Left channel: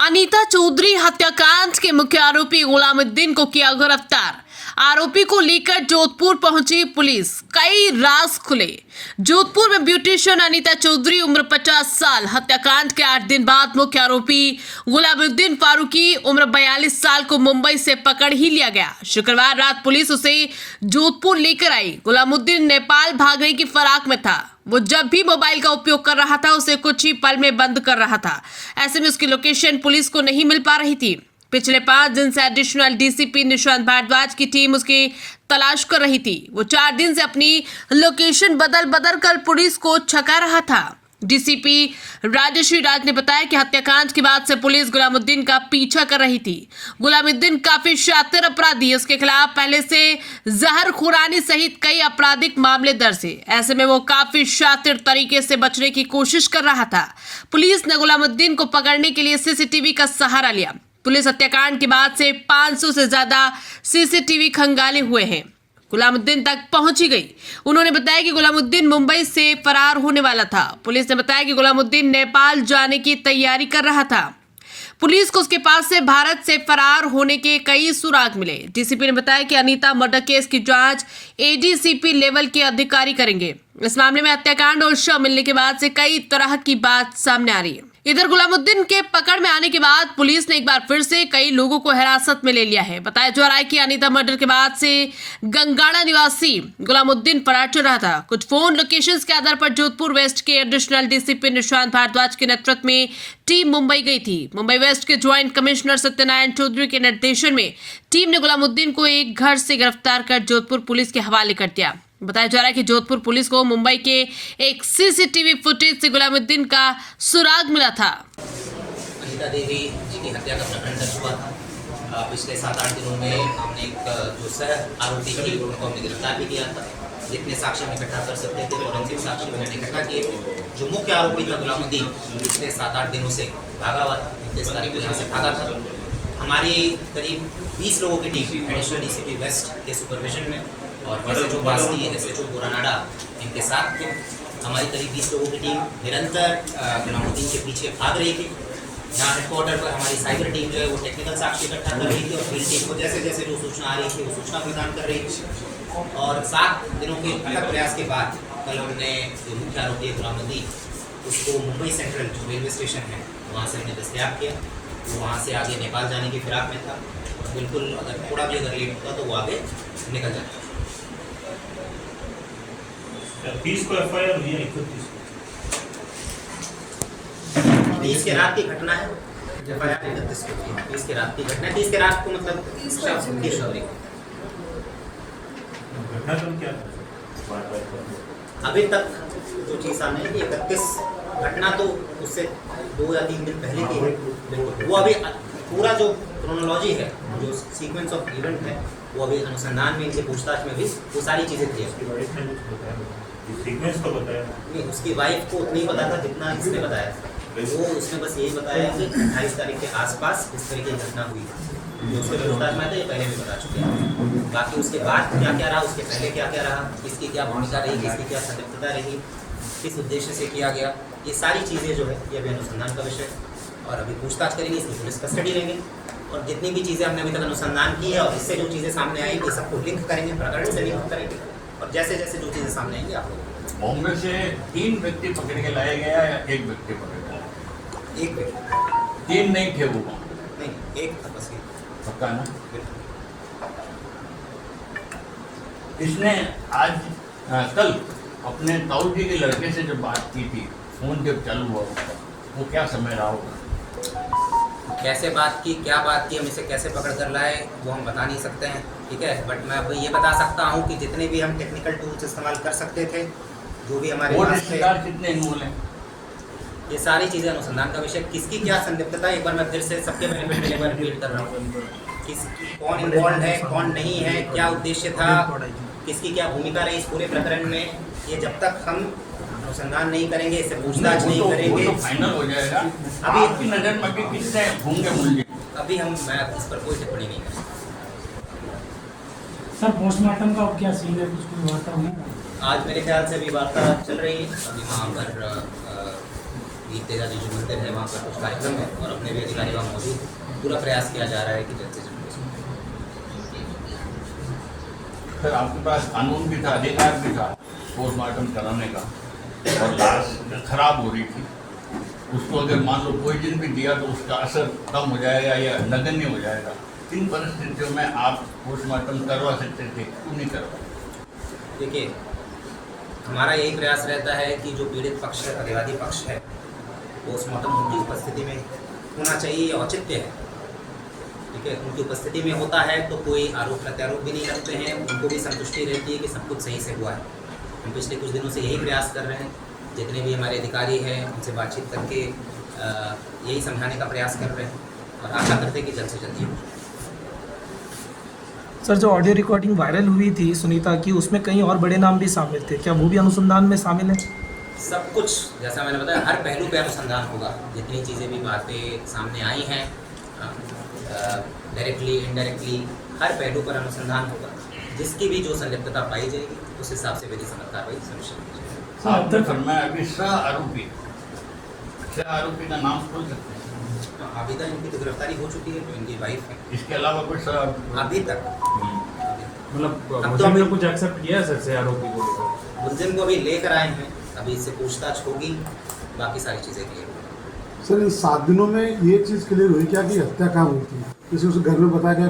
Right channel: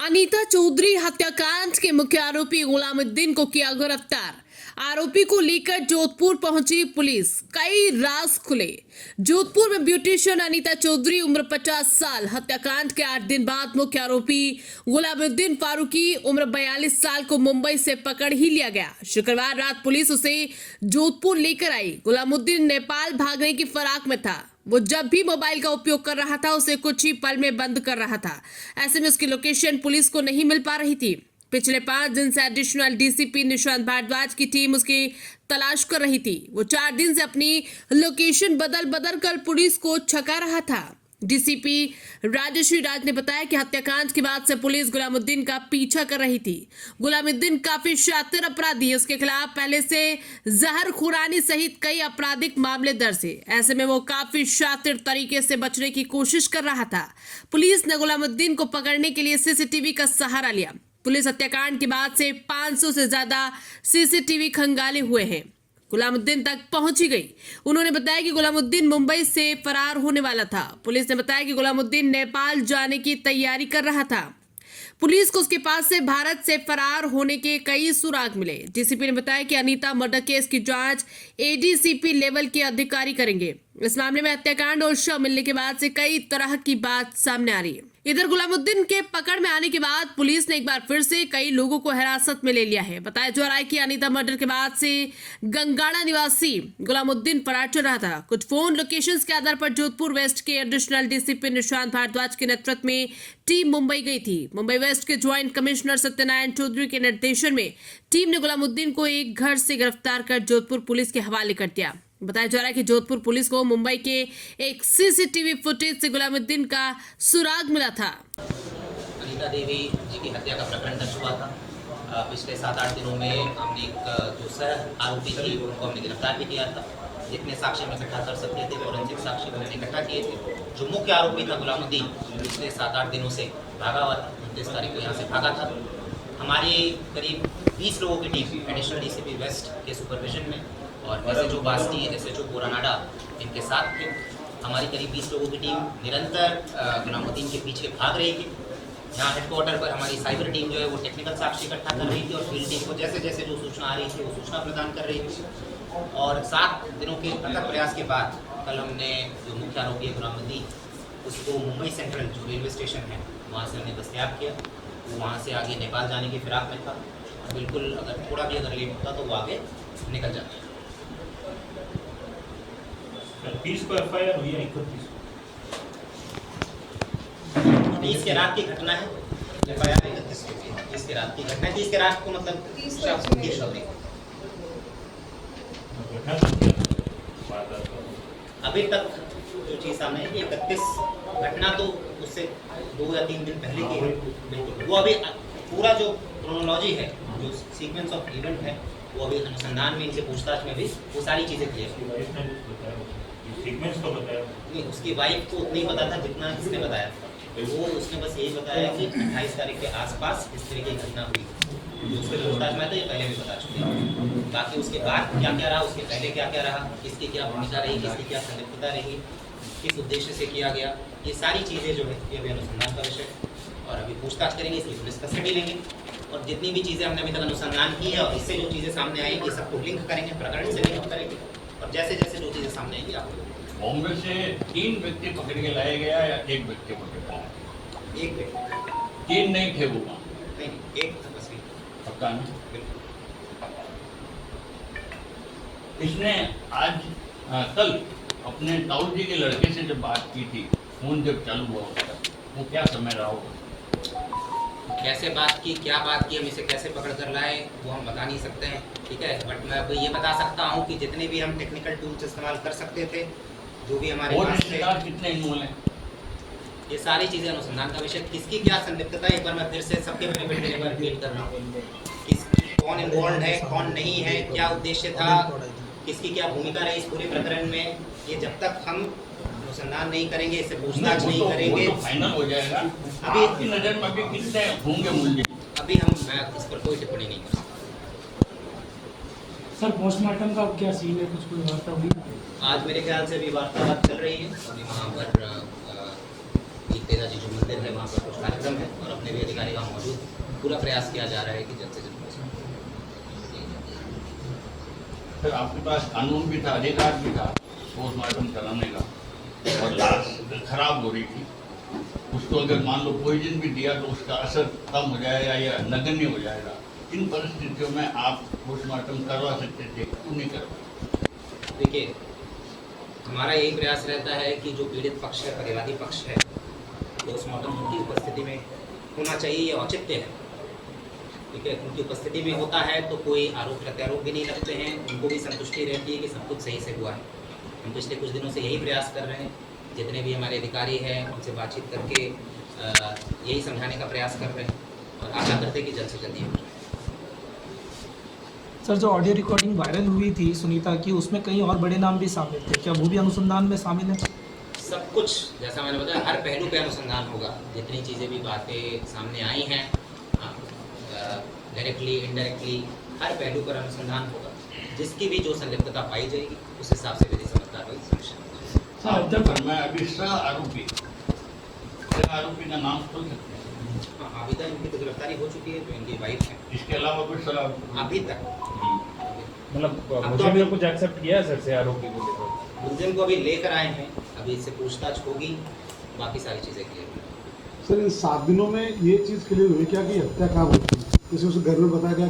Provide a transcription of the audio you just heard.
अनीता चौधरी हत्याकांड के मुख्य आरोपी गुलामुद्दीन को किया गिरफ्तार। आरोपी को लेकर जोधपुर पहुंची पुलिस, कई राज खुले। जोधपुर में ब्यूटिशियन अनीता चौधरी उम्र 50 साल हत्याकांड के 8 दिन बाद मुख्य आरोपी गुलामुद्दीन फारूकी उम्र 42 साल को मुंबई से पकड़ ही लिया गया। शुक्रवार रात पुलिस उसे जोधपुर लेकर आई। गुलामुद्दीन नेपाल भागने की फिराक में था। वो जब भी मोबाइल का उपयोग कर रहा था उसे कुछ ही पल में बंद कर रहा था। ऐसे में उसकी लोकेशन पुलिस को नहीं मिल पा रही थी। पिछले 5 दिन से एडिशनल डीसीपी निशांत भारद्वाज की टीम उसकी तलाश कर रही थी। वो 4 दिन से अपनी लोकेशन बदल बदल कर पुलिस को छका रहा था। डीसीपी राजश्री राज ने बताया कि हत्याकांड के बाद से पुलिस गुलामुद्दीन का पीछा कर रही थी। गुलामुद्दीन काफी शातिर अपराधी, उसके खिलाफ पहले से जहर खुरानी सहित कई आपराधिक मामले दर्ज है। ऐसे में वो काफी शातिर तरीके से बचने की कोशिश कर रहा था। पुलिस ने गुलामुद्दीन को पकड़ने के लिए सीसीटीवी का सहारा लिया। पुलिस हत्याकांड के बाद से 500 से ज्यादा सीसीटीवी खंगाले हुए हैं। गुलामुद्दीन तक पहुंची गई। उन्होंने बताया कि गुलामुद्दीन मुंबई से फरार होने वाला था। पुलिस ने बताया कि गुलामुद्दीन नेपाल जाने की तैयारी कर रहा था। पुलिस को उसके पास से भारत से फरार होने के कई सुराग मिले। डीसीपी ने बताया कि अनीता मर्डर केस की जांच एडीसीपी लेवल के अधिकारी करेंगे। इस मामले में हत्याकांड और शव मिलने के बाद से कई तरह की बात सामने आ रही है। इधर गुलामुद्दीन के पकड़ में आने के बाद पुलिस ने एक बार फिर से कई लोगों को हिरासत में ले लिया है। बताया जा रहा है कि अनीता मर्डर के बाद से गंगाड़ा निवासी गुलामुद्दीन फरार चल रहा था। कुछ फोन लोकेशंस के आधार पर जोधपुर वेस्ट के एडिशनल डीसीपी निशांत भारद्वाज के नेतृत्व में टीम मुंबई गई थी। मुंबई वेस्ट के ज्वाइंट कमिश्नर सत्यनारायण चौधरी के निर्देशन में टीम ने गुलामुद्दीन को एक घर से गिरफ्तार कर जोधपुर पुलिस के हवाले कर दिया। बताया जा रहा है कि जोधपुर पुलिस को मुंबई के एक सीसीटीवी फुटेज से गुलामुद्दीन का सुराग मिला था। अनीता देवी जी की हत्या का प्रकरण दर्ज हुआ था। पिछले 7-8 दिनों में हमने एक जो सह आरोपी थी उनको हमने गिरफ्तार भी किया था। जितने साक्ष्य हम इकट्ठा कर सकते थे फोरेंसिक साक्ष्य मैंने इकट्ठा किए थे। जो मुख्य आरोपी था गुलामुद्दीन पिछले 7-8 दिनों से भागा हुआ था। 29 तारीख को यहाँ से भागा था। हमारी करीब 20 लोगों की टीम एडिशनल डीसीपी वेस्ट के सुपरविजन में और SHO बास्ती, SHO पुरानाडा इनके साथ थे। हमारी करीब 20 लोगों की टीम निरंतर गुलामुद्दीन के पीछे भाग रही थी। यहाँ हेडक्वार्टर पर हमारी साइबर टीम जो है वो टेक्निकल साक्ष्य इकट्ठा कर रही थी और फील्ड टीम को जैसे जैसे जो सूचना आ रही थी वो सूचना प्रदान कर रही थी। और 7 दिनों के अथक प्रयास के बाद कल हमने जो मुख्य आरोपी गुलामुद्दीन उसको मुंबई सेंट्रल जो रेलवे स्टेशन है वहाँ से हमने दस्तयाब किया। वो वहाँ से आगे नेपाल जाने की फिराक में था और बिल्कुल अगर थोड़ा भी अगर लेट होता तो वो आगे निकल जाता। 30 को एफआईआर हुई है, 30 के रात की घटना है। एफआईआर 31 को 30 के रात की घटना। 30 के रात को मतलब अभी तक जो चीज़ सामने है कि 31 घटना तो उससे 2 या 3 दिन पहले की है। बिल्कुल वो अभी पूरा जो क्रोनोलॉजी है, जो सीक्वेंस ऑफ इवेंट है, वो अभी अनुसंधान में इनसे पूछताछ में भी वो सारी चीज़ें क्लियर सीक्वेंस तो बताया नहीं। उसकी वाइफ को उतना ही पता था जितना इसने बताया। वो उसने बस यही बताया कि 28 तारीख के आसपास इस तरह की घटना हुई। जो उसके पूछताछ में था ये पहले भी बता चुके हैं। बाकी उसके बाद क्या क्या रहा, उसके पहले क्या क्या रहा, किसकी क्या भूमिका रही, किसकी क्या संलिप्तता रही, किस उद्देश्य से किया गया, ये सारी चीज़ें जो है ये अभी अनुसंधान का विषय और अभी पूछताछ करेंगे, इसकी पुलिस कस्टडी लेंगे और जितनी भी चीज़ें हमने अभी तक अनुसंधान की है और इससे जो चीज़ें सामने आएंगी सबको लिंक करेंगे, प्रकरण से लिंक करेंगे और जैसे जैसे जो चीज़ें सामने आएंगी आप लोग। बॉम्बे से 3 व्यक्ति पकड़ के लाया गया या 1 व्यक्ति पकड़ के? 1 व्यक्ति। 3 नहीं थे वो? नहीं, 1 था बस। पक्का ना? इसने आज कल अपने ताऊ जी के लड़के से जब बात की थी, फोन जब चालू हुआ उसका, वो क्या समय रहा होगा? कैसे बात की, क्या बात की, हम इसे कैसे पकड़ कर लाए वो हम बता नहीं सकते हैं, ठीक है। बट मैं अब ये बता सकता हूँ कि जितने भी हम टेक्निकल टूल्स इस्तेमाल कर सकते थे, जो भी हमारे पास थे, कितने इन्वॉल्व हैं, ये सारी चीज़ें अनुसंधान का विषय। किसकी क्या संलिप्तता, एक बार मैं फिर से सबके बेनिफिट के लिए रिपीट कर रहा हूँ। कौन इन्वॉल्व है, कौन नहीं है, क्या उद्देश्य था, किसकी क्या भूमिका रही इस पूरे प्रकरण में, ये जब तक हम अनुसंधान नहीं करेंगे, इससे पूछताछ नहीं करेंगे, फाइनल हो जाएगा। अभी आपकी नज़र में भी कितने होंगे मूल्य? अभी मैं इस पर कोई टिप्पणी नहीं कर सकता। सर पोस्टमार्टम का क्या सीन है, कुछ कोई वार्ता हुई? आज मेरे ख्याल से अभी वार्ता चल रही है। अभी वहाँ पर दीप तेजाजी जो मंदिर है वहाँ पर कुछ कार्यक्रम है और अपने भी अधिकारी वहाँ मौजूद हैं। पूरा प्रयास किया जा रहा है कि जल्द से जल्द सर आपके पास कानून भी था, अधिकार भी था पोस्टमार्टम कराने का, और लाश खराब हो रही थी, उसको अगर मान लो पॉइजन भी दिया तो उसका असर कम हो जाएगा या नगण्य हो जाएगा। इन परिस्थितियों में आप पोस्टमार्टम करवा सकते थे, क्यों नहीं करवा? देखिए, हमारा यही प्रयास रहता है कि जो पीड़ित पक्ष है, प्रतिवादी पक्ष है, पोस्टमार्टम उनकी उपस्थिति में होना चाहिए, औचित्य है। ठीक है, उनकी उपस्थिति में होता है तो कोई आरोप प्रत्यारोप भी नहीं लगते हैं, उनको भी संतुष्टि रहती है कि सब कुछ सही से हुआ है। हम पिछले कुछ दिनों से यही प्रयास कर रहे हैं, जितने भी हमारे अधिकारी हैं उनसे बातचीत करके यही समझाने का प्रयास कर रहे हैं और आशा करते हैं कि जल्द से जल्द ये हो। सर, जो ऑडियो रिकॉर्डिंग वायरल हुई थी सुनीता की, उसमें कई और बड़े नाम भी शामिल थे, क्या वो भी अनुसंधान में शामिल है? सब कुछ जैसा मैंने बताया, हर पहलू पे अनुसंधान होगा। जितनी चीज़ें भी बातें सामने आई हैं, डायरेक्टली इनडायरेक्टली हर पहलू पर अनुसंधान होगा। जिसकी भी जो संलिप्तता पाई जाएगी उस हिसाब से विधि सम्मत कार्रवाई सुनिश्चित की जाएगी। आपने फरमाया अभी सह आरोपी का नाम खोल सकते हैं? हाँ, अभी तक इनकी तो गिरफ्तारी हो चुकी है, तो इनकी वाइफ है इसके अलावा कुछ अभी तक। मतलब अब तो मुझे अभी- कुछ एक्सेप्ट किया है सर से आरोपी को लेकर? मुलजिम को अभी लेकर आए हैं, अभी इससे पूछताछ होगी, बाकी सारी चीज़ें क्लियर होंगी। सर, इन 7 दिनों में ये चीज़ क्लियर हुई क्या कि हत्या कहाँ हुई थी? जैसे उस घर में बताया गया